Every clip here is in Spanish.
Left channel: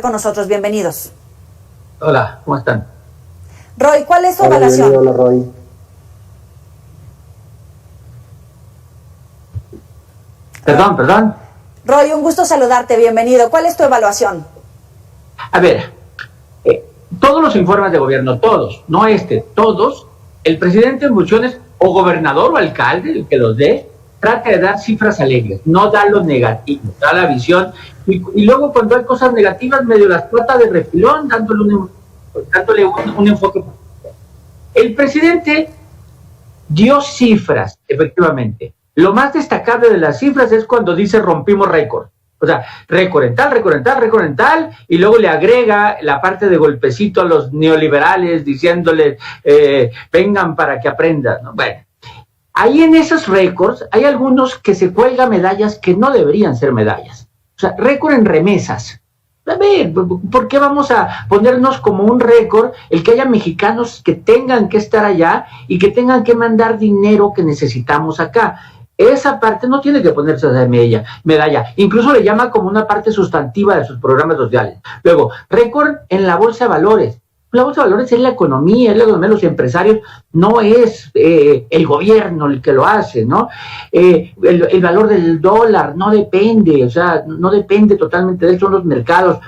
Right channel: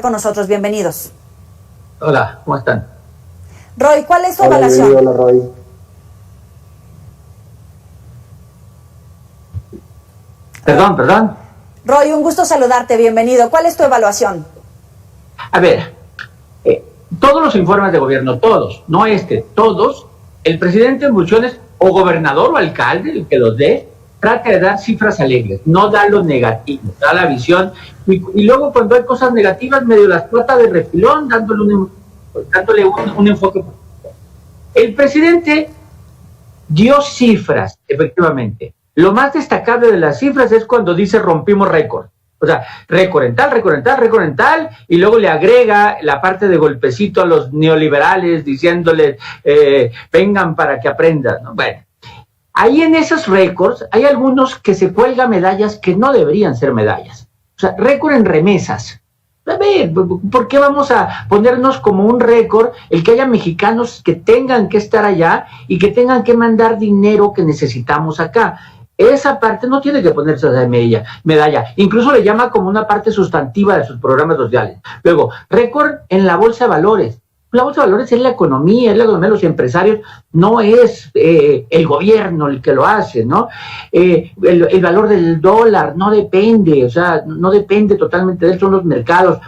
con nosotros. Bienvenidos. Hola, ¿cómo están? Roy, ¿cuál es su evaluación? Hola, Roy. Perdón. Roy, un gusto saludarte, bienvenido. ¿Cuál es tu evaluación? A ver, todos los informes de gobierno, todos, no todos, el presidente en funciones, o gobernador o alcalde, el que los dé, trata de dar cifras alegres, no da lo negativo, da la visión, y luego cuando hay cosas negativas, medio las trata de refilón, dándole un enfoque. El presidente dio cifras, efectivamente. Lo más destacable de las cifras es cuando dice rompimos récord. O sea, récord en tal, y luego le agrega la parte de golpecito a los neoliberales diciéndoles, vengan para que aprendan, ¿no? Bueno, ahí en esos récords hay algunos que se cuelgan medallas que no deberían ser medallas. O sea, récord en remesas. A ver, ¿por qué vamos a ponernos como un récord el que haya mexicanos que tengan que estar allá y que tengan que mandar dinero que necesitamos acá? Esa parte no tiene que ponerse de medalla. Incluso le llama como una parte sustantiva de sus programas sociales. Luego, récord en la bolsa de valores. La bolsa de valores es la economía de los empresarios, no es el gobierno el que lo hace, ¿no? El valor del dólar no depende, o sea, no depende totalmente de eso, son los mercados.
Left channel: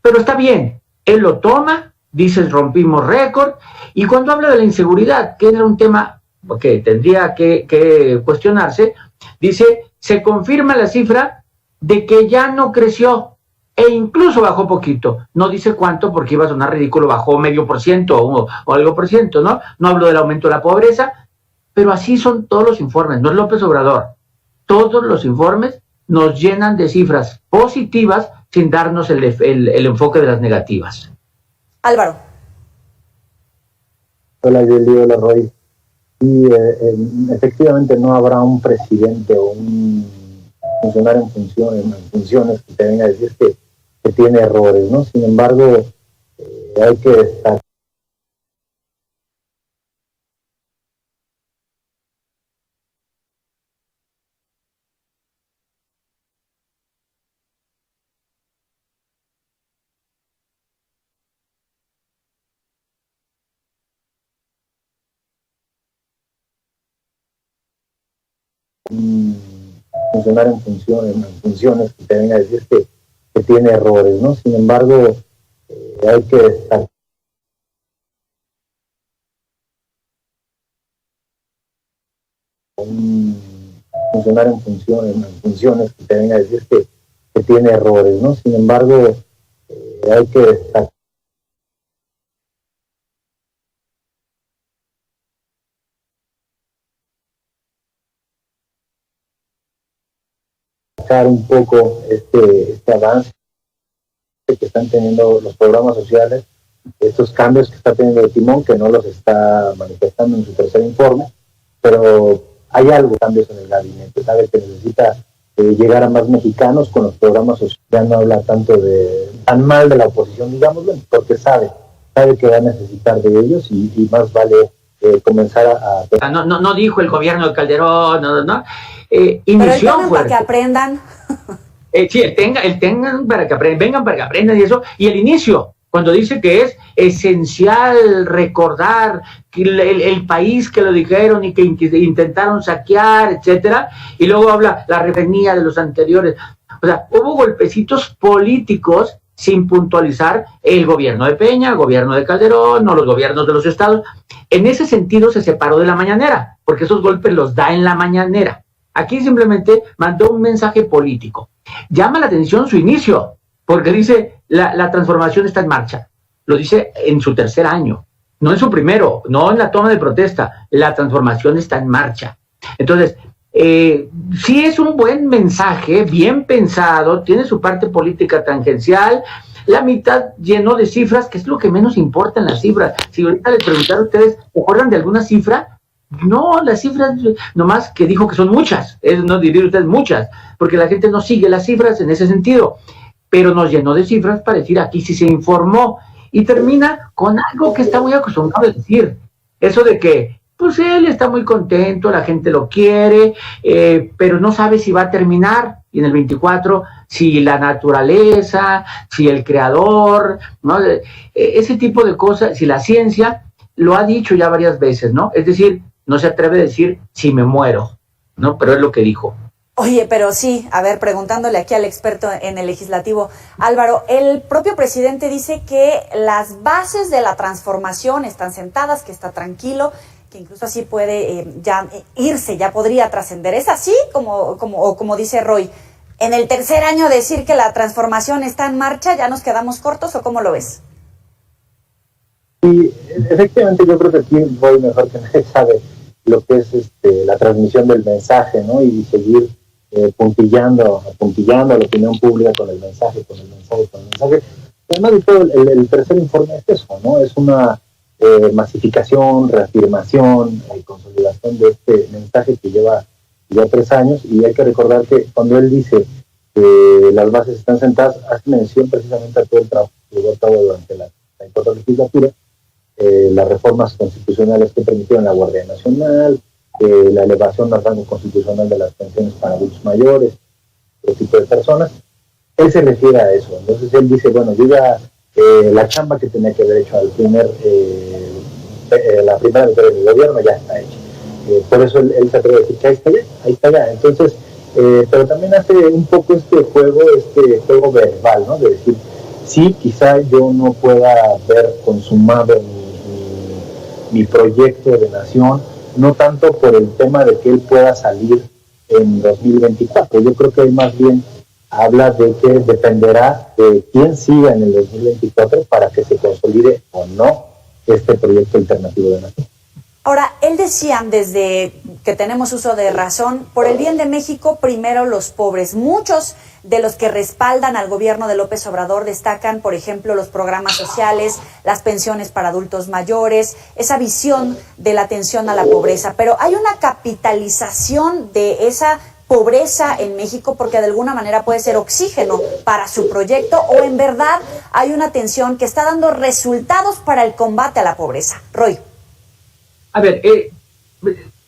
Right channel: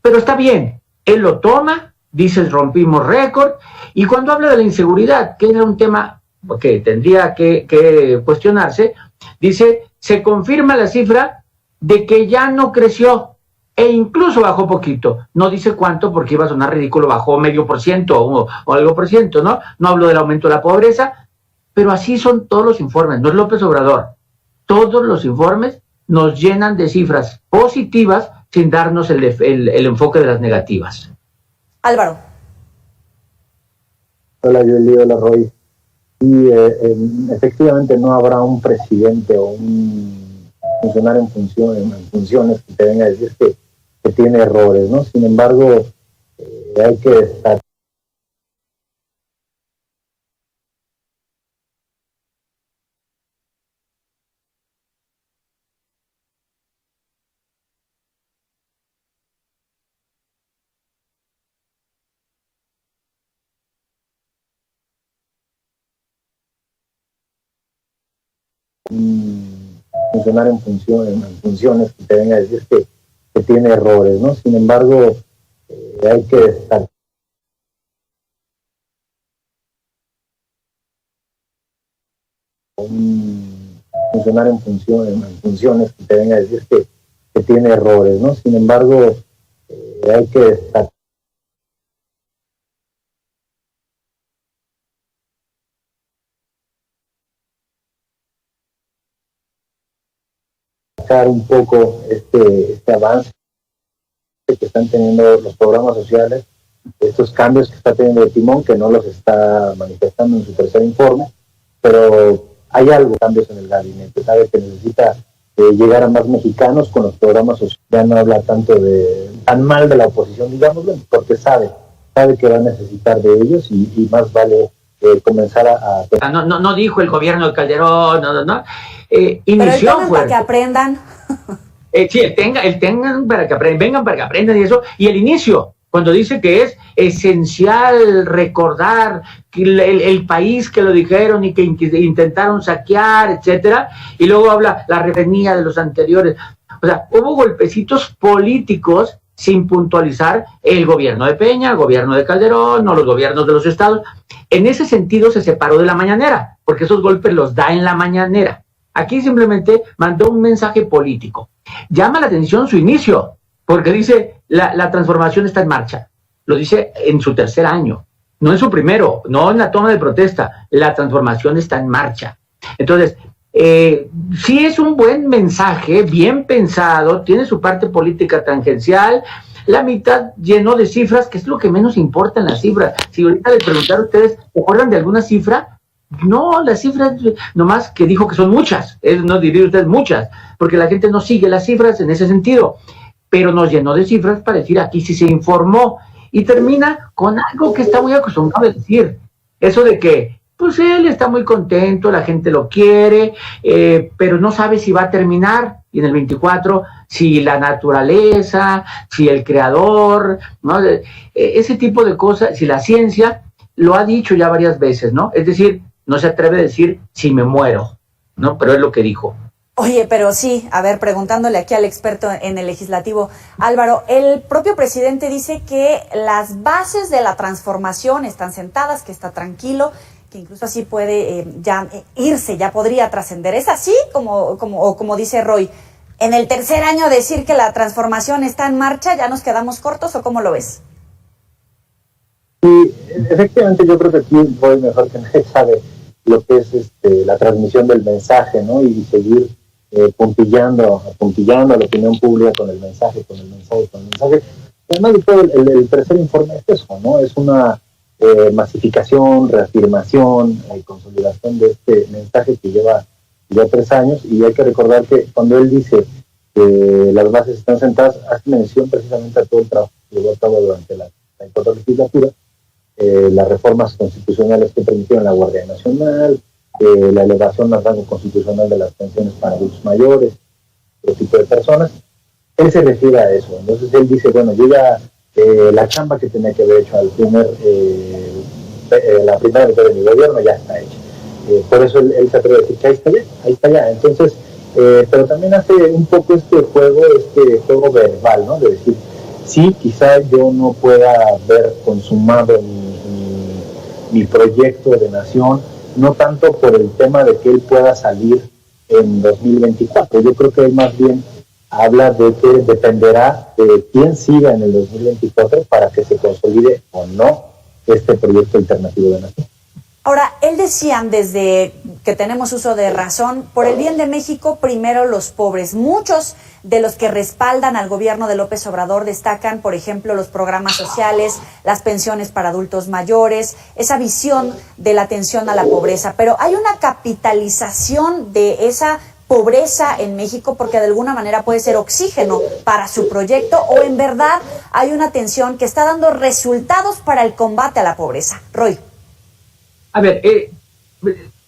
Pero está bien, él lo toma, dice rompimos récord, y cuando habla de la inseguridad, que era un tema que tendría que cuestionarse, dice, se confirma la cifra de que ya no creció e incluso bajó poquito. No dice cuánto porque iba a sonar ridículo, bajó 0.5% o algo por ciento, ¿no? No hablo del aumento de la pobreza, pero así son todos los informes, no es López Obrador. Todos los informes nos llenan de cifras positivas sin darnos el enfoque de las negativas. Álvaro. Hola, Yeli, hola, Roy. Y efectivamente no habrá un presidente o un funcionario en funciones que te venga a decir que tiene errores, ¿no? Sin embargo, hay que estar funcionario en funciones que te venga a decir que tiene errores, ¿no? Sin embargo, hay que estar un funcionario en funciones que te venga a decir que tiene errores, ¿no? Sin embargo, hay que estar un poco este avance que están teniendo los programas sociales, estos cambios que está teniendo el timón, que no los está manifestando en su tercer informe, pero hay algo, cambios en el gabinete, sabe que necesita llegar a más mexicanos con los programas sociales, ya no habla tan mal de la oposición, digámoslo, porque sabe que va a necesitar de ellos y más vale comenzar a... No dijo el gobierno de Calderón, no. Inició pero para que aprendan. Sí, vengan para que aprendan y eso. Y el inicio, cuando dice que es esencial recordar que el país que lo dijeron y que intentaron saquear, etcétera, y luego habla la revenía de los anteriores. O sea, hubo golpecitos políticos sin puntualizar el gobierno de Peña, el gobierno de Calderón, o los gobiernos de los estados. En ese sentido se separó de la mañanera, porque esos golpes los da en la mañanera. Aquí simplemente mandó un mensaje político. Llama la atención su inicio, porque dice la transformación está en marcha. Lo dice en su tercer año, no en su primero, no en la toma de protesta. La transformación está en marcha. Entonces, sí es un buen mensaje, bien pensado, tiene su parte política tangencial. La mitad llenó de cifras, que es lo que menos importa en las cifras. Si ahorita les preguntaron a ustedes, ¿se acuerdan de alguna cifra? No, las cifras, nomás que dijo que son muchas, no diría usted muchas, porque la gente no sigue las cifras en ese sentido, pero nos llenó de cifras para decir aquí sí se informó, y termina con algo que está muy acostumbrado a decir, eso de que, pues él está muy contento, la gente lo quiere, pero no sabe si va a terminar. y en el 24 si la naturaleza, si el creador, ¿no? Ese tipo de cosas, si la ciencia, lo ha dicho ya varias veces, ¿no? Es decir, no se atreve a decir si me muero, ¿no? Pero es lo que dijo. Oye, pero sí, a ver, preguntándole aquí al experto en el legislativo, Álvaro, el propio presidente dice que las bases de la transformación están sentadas, que está tranquilo, que incluso así puede ya irse, ya podría trascender. ¿Es así como dice Roy? ¿En el tercer año decir que la transformación está en marcha, ya nos quedamos cortos o cómo lo ves? Sí, efectivamente yo creo que aquí Roy mejor que nadie sabe lo que es la transmisión del mensaje, ¿no? Y seguir puntillando a la opinión pública con el mensaje. Además de todo, el tercer informe es eso, ¿no? Es una masificación, reafirmación, consolidación de este mensaje que lleva ya 3 años, y hay que recordar que cuando él dice que las bases están sentadas, hace mención precisamente a todo el trabajo que llevó a cabo durante la actual legislatura, las reformas constitucionales que permitieron la Guardia Nacional, la elevación al rango constitucional de las pensiones para adultos mayores, otro tipo de personas. Él se refiere a eso. Entonces él dice, bueno, yo ya la chamba que tenía que haber hecho la primera mitad de mi gobierno ya está hecha. Por eso él se atreve a decir que ahí está ya. Entonces, pero también hace un poco este juego verbal, ¿no? De decir, sí, quizá yo no pueda ver consumado mi proyecto de nación, no tanto por el tema de que él pueda salir en 2024. Yo creo que él más bien habla de que dependerá de quién siga en el 2024 para que se consolide o no este proyecto alternativo de nación. Ahora, él decía, desde que tenemos uso de razón, por el bien de México, primero los pobres. Muchos de los que respaldan al gobierno de López Obrador destacan, por ejemplo, los programas sociales, las pensiones para adultos mayores, esa visión de la atención a la pobreza. Pero hay una capitalización de esa pobreza en México porque de alguna manera puede ser oxígeno para su proyecto, o en verdad hay una atención que está dando resultados para el combate a la pobreza. Roy. A ver,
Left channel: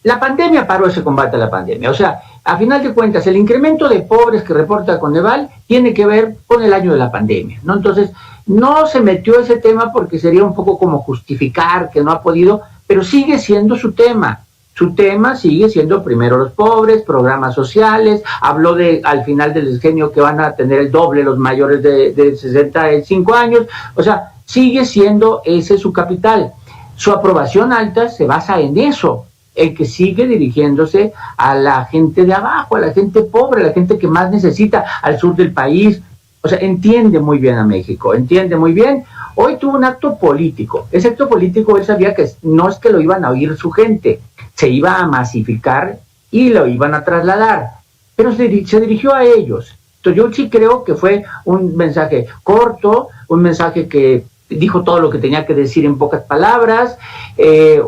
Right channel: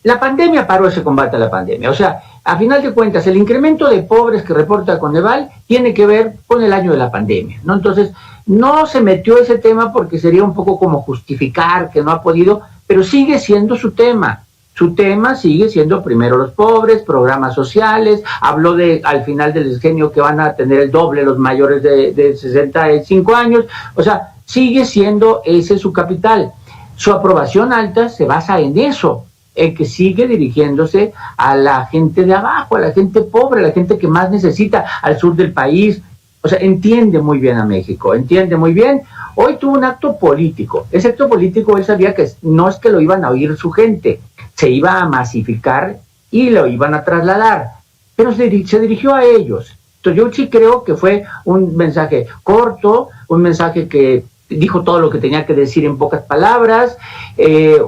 la pandemia paró ese combate a la pandemia. O sea, a final de cuentas, el incremento de pobres que reporta Coneval tiene que ver con el año de la pandemia, ¿no? Entonces, no se metió ese tema porque sería un poco como justificar que no ha podido, pero sigue siendo su tema. Su tema sigue siendo primero los pobres, programas sociales. Habló al final del sexenio que van a tener el doble los mayores de 65 años. O sea, sigue siendo ese su capital. Su aprobación alta se basa en eso, en que sigue dirigiéndose a la gente de abajo, a la gente pobre, a la gente que más necesita, al sur del país. O sea, entiende muy bien a México, entiende muy bien. Hoy tuvo un acto político. Ese acto político él sabía que no es que lo iban a oír su gente, se iba a masificar y lo iban a trasladar, pero se dirigió a ellos. Entonces yo sí creo que fue un mensaje corto, un mensaje que dijo todo lo que tenía que decir en pocas palabras,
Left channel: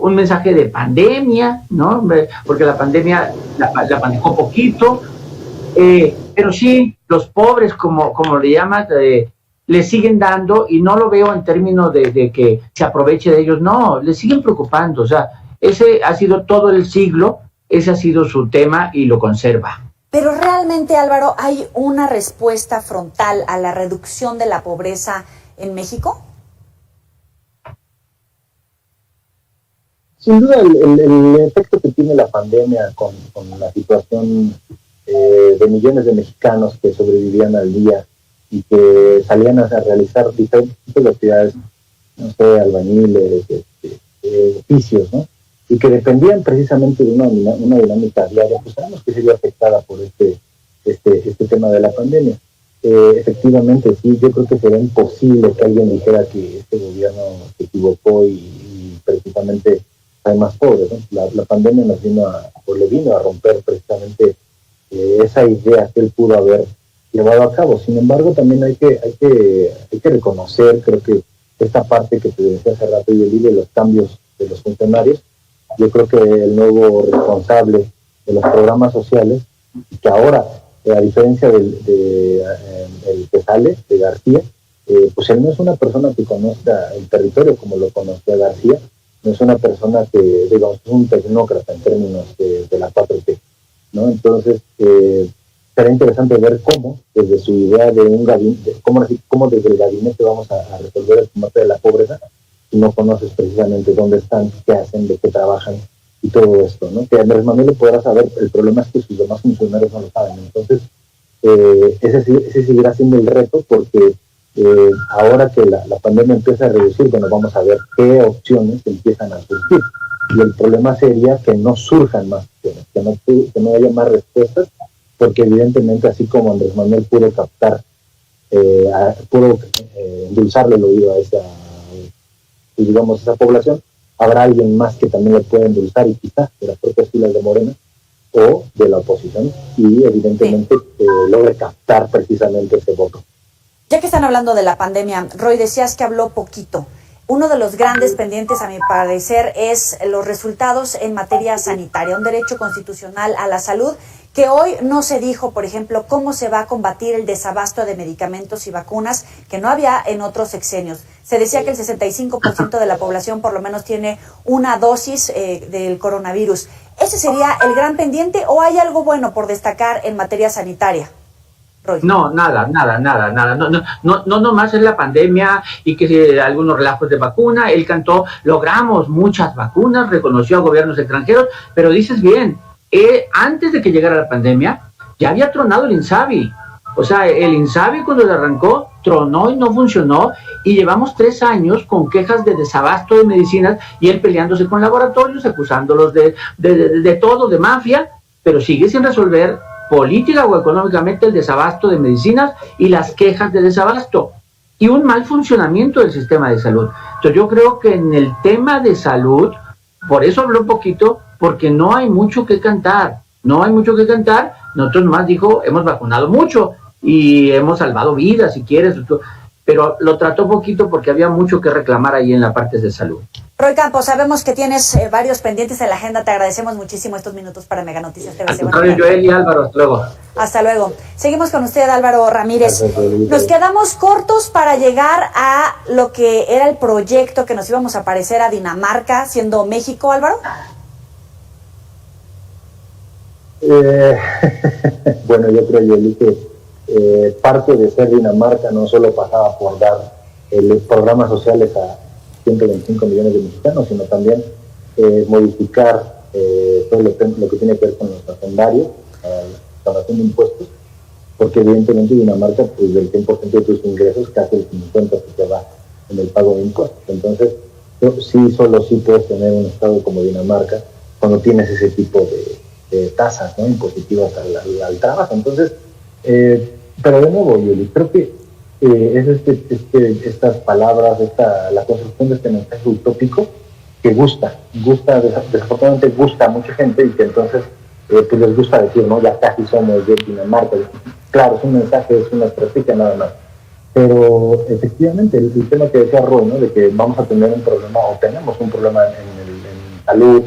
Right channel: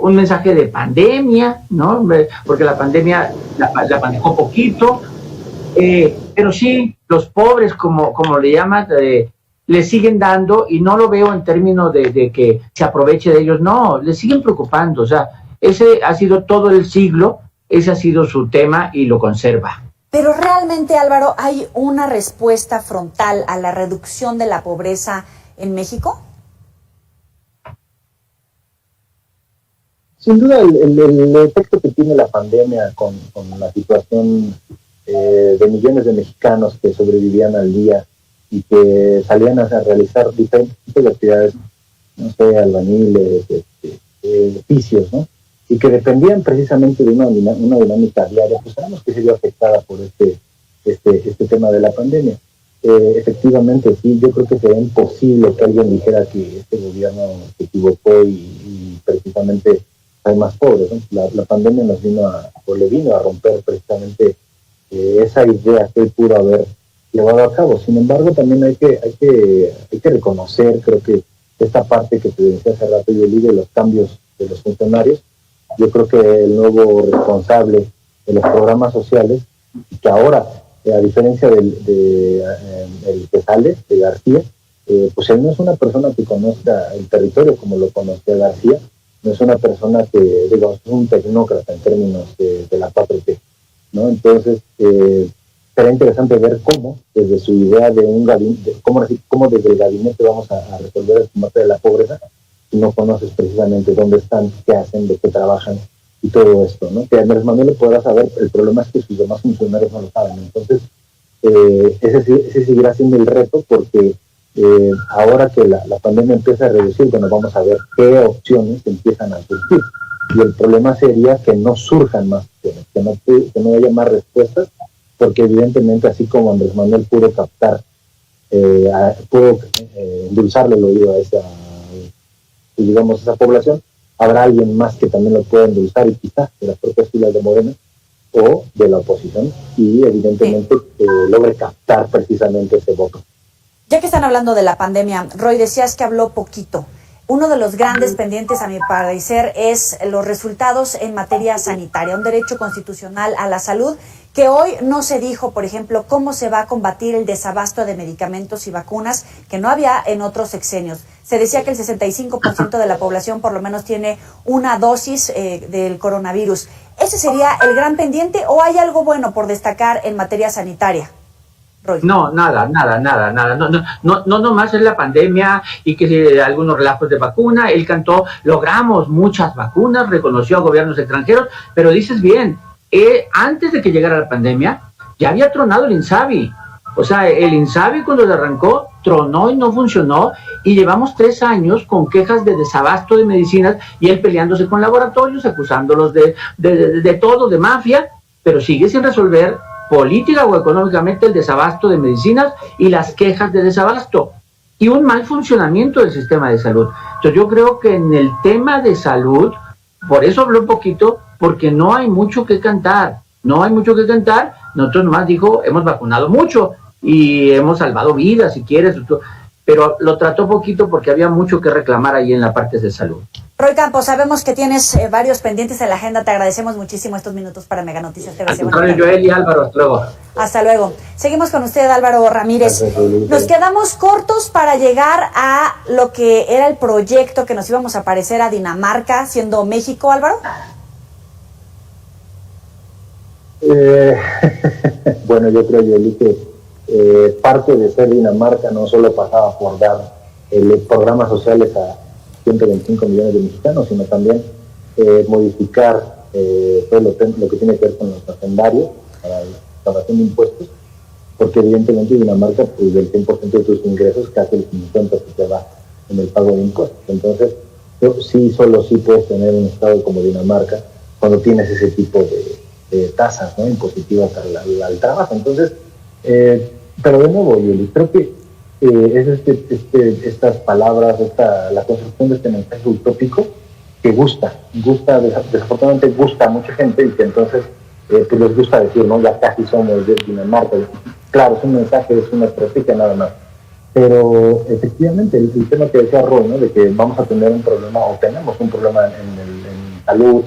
un mensaje de pandemia, ¿no? Porque la pandemia la manejó poquito, pero sí, los pobres, como le llaman, le siguen dando, y no lo veo en términos de que se aproveche de ellos, no, le siguen preocupando. O sea, ese ha sido todo el siglo, ese ha sido su tema y lo conserva. Pero realmente, Álvaro, ¿hay una respuesta frontal a la reducción de la pobreza en México? Sin duda, el efecto que tiene la pandemia con la situación de millones de mexicanos que sobrevivían al día y que salían a realizar diferentes tipos de actividades, no sé, albañiles, oficios, ¿no? Y que dependían precisamente de una dinámica diaria, pues sabemos que se vio afectada por este tema de la pandemia. Efectivamente, sí, yo creo que sería imposible que alguien dijera que este gobierno se equivocó y precisamente hay más pobres, ¿no? La pandemia le vino a romper precisamente esa idea que él pudo haber llevado a cabo. Sin embargo, también hay que reconocer, creo que esta parte que te decía hace rato, y el de los cambios de los funcionarios, yo creo que el nuevo responsable de los programas sociales, que ahora, a diferencia del que sale, de García, pues él no es una persona que conozca el territorio como lo conocía García, no es una persona que, digamos, es un tecnócrata en términos de la 4T, ¿no? Entonces, será interesante ver cómo, desde su idea de un gabinete, cómo desde el gabinete vamos a resolver el combate de la pobreza, si no conoces precisamente dónde están, qué hacen, de qué trabajan y todo esto, ¿no? Que Andrés Manuel lo podrá saber, el problema es que sus demás funcionarios no lo saben. Entonces, ese seguirá siendo el reto, porque ahora que la pandemia empieza a reducir, bueno, vamos a ver qué opciones empiezan a surgir. Y el problema sería que no surjan más opciones, que no haya más respuestas, porque evidentemente, así como Andrés Manuel pudo captar, pudo endulzarle el oído a esa población, habrá alguien más que también lo pueda endulzar, y quizás de las propias filas de Morena o de la oposición, y evidentemente logre captar precisamente ese voto. Ya que están hablando de la pandemia, Roy, decías que habló poquito. Uno de los grandes pendientes, a mi parecer, es los resultados en materia sanitaria, un derecho constitucional a la salud, que hoy no se dijo, por ejemplo, cómo se va a combatir el desabasto de medicamentos y vacunas que no había en otros sexenios. Se decía que el 65% de la población por lo menos tiene una dosis del coronavirus. ¿Ese sería el gran pendiente o hay algo bueno por destacar en materia sanitaria? Roy. No, nada. No más es la pandemia y que algunos relajos de vacuna. Él cantó, logramos muchas vacunas, reconoció a gobiernos extranjeros, pero dices bien, antes de que llegara la pandemia, ya había tronado el INSABI. O sea, el INSABI cuando le arrancó, tronó y no funcionó, y llevamos 3 años con quejas de desabasto de medicinas, y él peleándose con laboratorios, acusándolos de todo, de mafia, pero sigue sin resolver política o económicamente el desabasto de medicinas y las quejas de desabasto, y un mal funcionamiento del sistema de salud. Entonces yo creo que en el tema de salud, por eso habló un poquito, porque no hay mucho que cantar. Nosotros nomás dijo, hemos vacunado mucho y hemos salvado vidas, si quieres, pero lo trató poquito porque había mucho que reclamar ahí en la parte de salud. Roy Campos, sabemos que tienes varios pendientes en la agenda. Te agradecemos muchísimo estos minutos para Mega Noticias TV. Joel y Álvaro, hasta luego. Hasta luego. Seguimos con usted, Álvaro Ramírez. Nos quedamos cortos para llegar a lo que era el proyecto que nos íbamos a parecer a Dinamarca, siendo México, Álvaro. Bueno, yo creo, Yoli, que parte de ser Dinamarca no solo pasaba por dar los programas sociales a 125 millones de mexicanos, sino también modificar todo lo que tiene que ver con los hacendarios, la recaudación de impuestos, porque evidentemente Dinamarca, pues del 100% de tus ingresos, casi el 50% se va en el pago de impuestos. Entonces, solo sí puedes tener un estado como Dinamarca cuando tienes ese tipo de tasas, ¿no?, impositivas al trabajo. Entonces, pero de nuevo, Yoli, creo que es estas palabras, la construcción de este mensaje utópico que desafortunadamente gusta a mucha gente, y que entonces pues les gusta decir, ¿no?, ya casi somos de Dinamarca. Claro, es un mensaje, es una estrategia nada más, pero efectivamente el tema que decía Roy, ¿no?, de que vamos a tener un problema, o tenemos un problema en salud,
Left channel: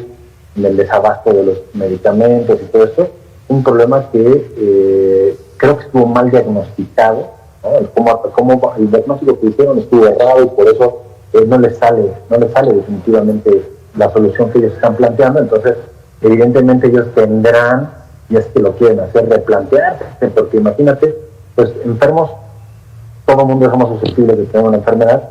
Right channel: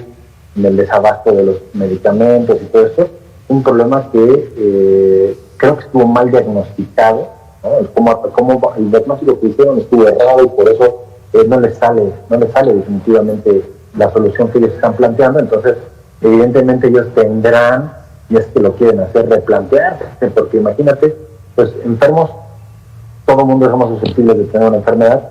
en el desabasto de los medicamentos y todo esto, un problema que creo que estuvo mal diagnosticado, ¿no? Como el diagnóstico que hicieron estuvo errado, y por eso no les sale definitivamente la solución que ellos están planteando. Entonces, evidentemente ellos tendrán, y es que lo quieren hacer, replantearse, porque imagínate, pues enfermos, todo el mundo somos susceptibles de tener una enfermedad,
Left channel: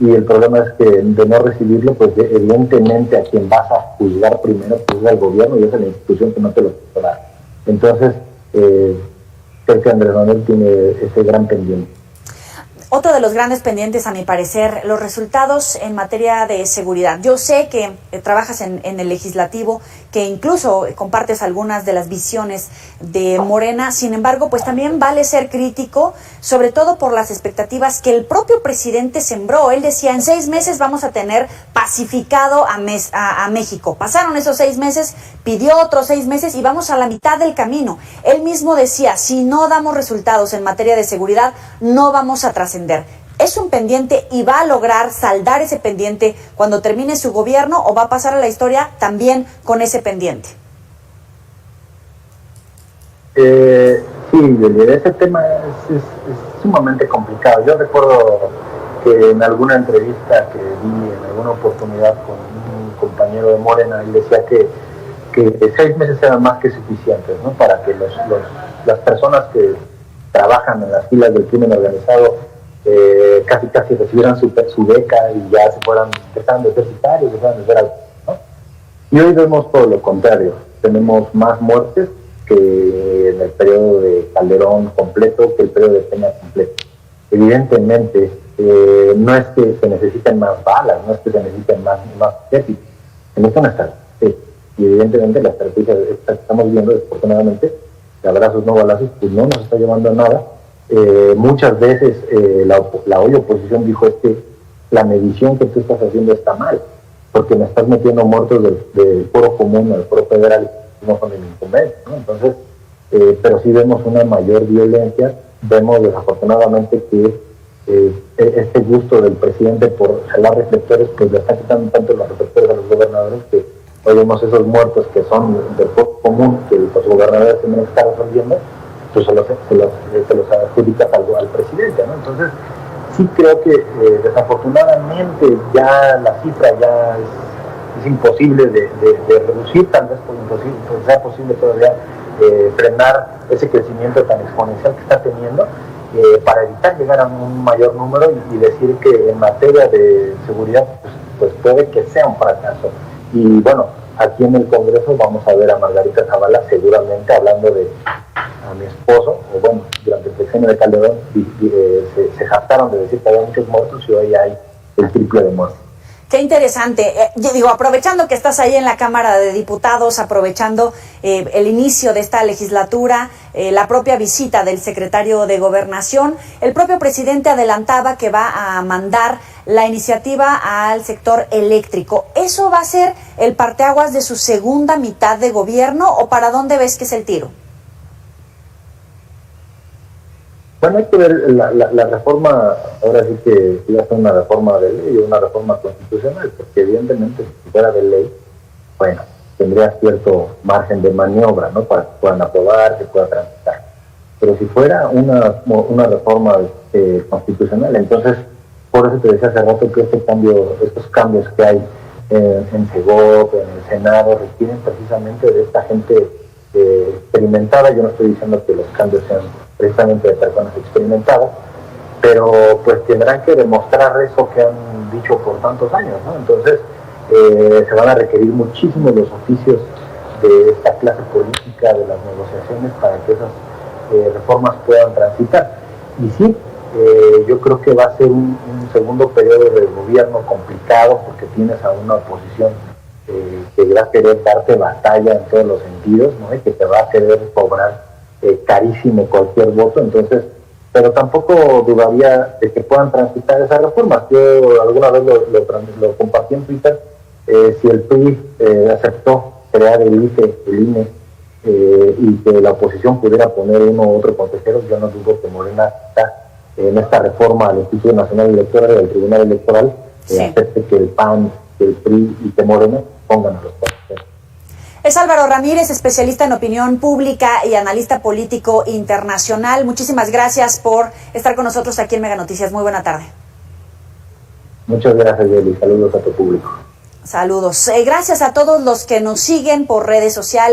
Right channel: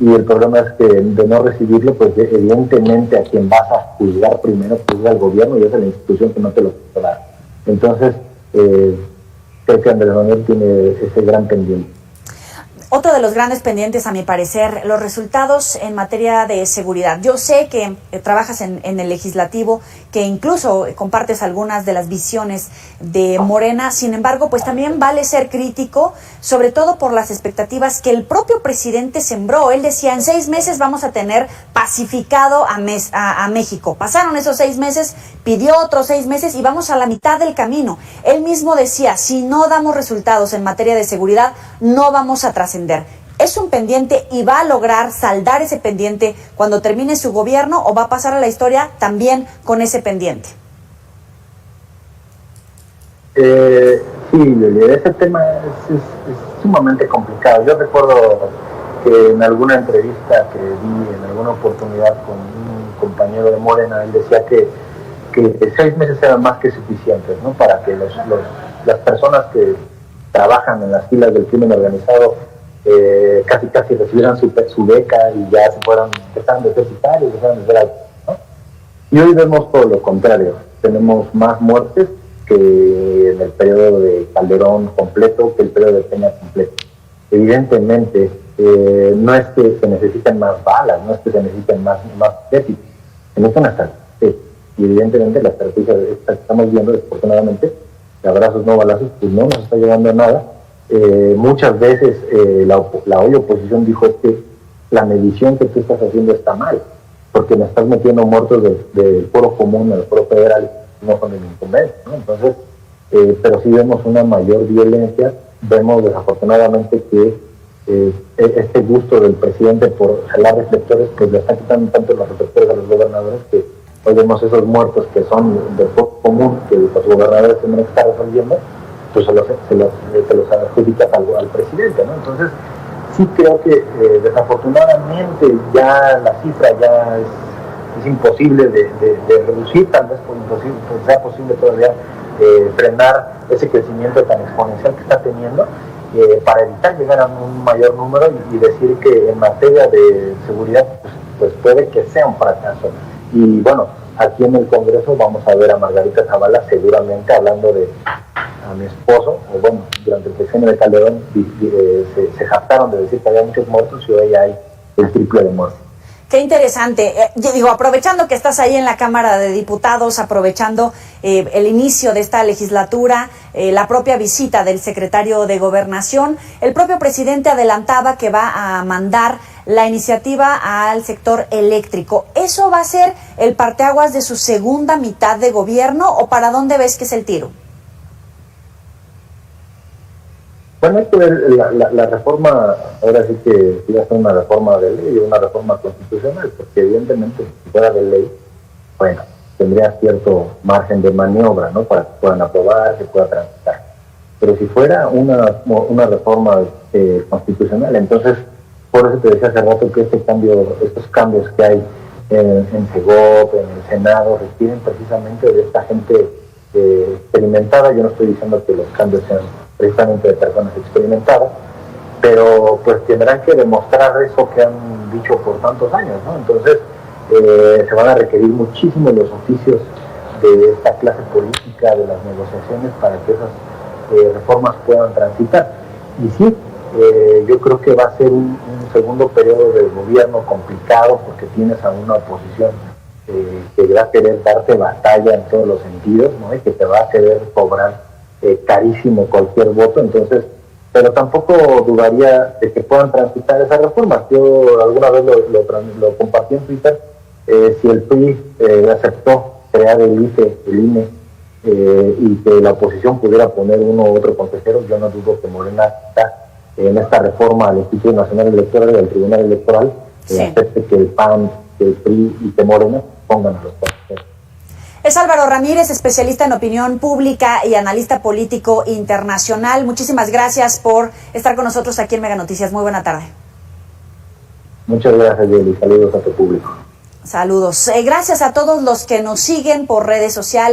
y el problema es que de no recibirlo, pues evidentemente a quien vas a juzgar primero, pues es al gobierno, y es la institución que no te lo puede dar. Entonces, creo que Andrés Manuel tiene ese gran pendiente. Otro de los grandes pendientes, a mi parecer, los resultados en materia de seguridad. Yo sé que trabajas en el legislativo, que incluso compartes algunas de las visiones de Morena. Sin embargo, pues también vale ser crítico, sobre todo por las expectativas que el propio presidente sembró. Él decía, en 6 meses vamos a tener pacificado a México. Pasaron esos 6 meses, pidió otros 6 meses y vamos a la mitad del camino. Él mismo decía, si no damos resultados en materia de seguridad, no vamos a trascender. ¿Es un pendiente y va a lograr saldar ese pendiente cuando termine su gobierno, o va a pasar a la historia también con ese pendiente? Sí, ese tema es sumamente complicado. Yo recuerdo que en alguna entrevista que di, en alguna oportunidad con un compañero de Morena, él decía que 6 meses eran más que suficientes, ¿no?, para que las personas que trabajan en las filas del crimen organizado casi recibieran su beca y ya dejaran de ser sicarios, dejaran de ser autos, ¿no? Y hoy vemos todo lo contrario. Tenemos más muertes que en el periodo de Calderón completo, que el periodo de Peña completo. Evidentemente, no es que se necesiten más balas, no es que se necesiten más épica, se necesita una estrategia. Y evidentemente la estrategia que estamos viendo, desafortunadamente, de abrazos no balazos, pues no nos está llevando a nada. Muchas veces la hoy oposición dijo es que la medición que tú estás haciendo está mal, porque me estás metiendo muertos del foro común al foro federal, no son el inconveniente, ¿no? Entonces, pero sí vemos una mayor violencia, vemos desafortunadamente que este gusto del presidente por jalar reflectores, pues le está quitando tanto los reflectores a los gobernadores que hoy vemos esos muertos que son del foro común, que los gobernadores tienen que estar resolviendo, pues se los adjudica al presidente, ¿no? Entonces, sí creo que desafortunadamente ya la cifra ya es imposible de reducir, tal vez sea posible todavía frenar ese crecimiento tan exponencial que está teniendo, para evitar llegar a un mayor número y decir que en materia de seguridad pues puede que sea un fracaso. Y bueno, aquí en el Congreso vamos a ver a Margarita Zavala seguramente hablando de a mi esposo, o bueno, durante el sexenio de Calderón se jactaron de decir que había muchos muertos y hoy hay el triple de muertos. Qué interesante. Aprovechando que estás ahí en la Cámara de Diputados, aprovechando el inicio de esta legislatura, la propia visita del secretario de Gobernación, el propio presidente adelantaba que va a mandar la iniciativa al sector eléctrico. ¿Eso va a ser el parteaguas de su segunda mitad de gobierno o para dónde ves que es el tiro? Bueno, hay que ver la reforma, ahora sí que iba a ser una reforma de ley, una reforma constitucional, porque evidentemente si fuera de ley, bueno, tendría cierto margen de maniobra, ¿no? Para que puedan aprobar, que pueda transitar. Pero si fuera una reforma constitucional, entonces, por eso te decía hace rato que estos cambios que hay en Segov, en el Senado, requieren precisamente de esta gente experimentada. Yo no estoy diciendo que los cambios sean precisamente de personas experimentadas, pero pues tendrán que demostrar eso que han dicho por tantos años, ¿no? Entonces se van a requerir muchísimo los oficios de esta clase política, de las negociaciones, para que esas reformas puedan transitar. Y sí, yo creo que va a ser un segundo periodo de gobierno complicado, porque tienes a una oposición que va a querer darte batalla en todos los sentidos, ¿no? Y que te va a querer cobrar carísimo cualquier voto. Entonces, pero tampoco dudaría de que puedan transitar esas reformas. Yo alguna vez lo compartí en Twitter. Si el PRI aceptó crear el INE y que la oposición pudiera poner uno u otro consejero, yo no dudo que Morena está en esta reforma al Instituto Nacional Electoral, del Tribunal Electoral, acepte que el PAN, que el PRI y que Morena pongan a los consejeros. Es Álvaro Ramírez, especialista en opinión pública y analista político internacional. Muchísimas gracias por estar con nosotros aquí en Mega Noticias. Muy buena tarde. Muchas gracias, Yeli. Saludos a tu público. Saludos. Gracias a todos los que nos siguen por redes sociales.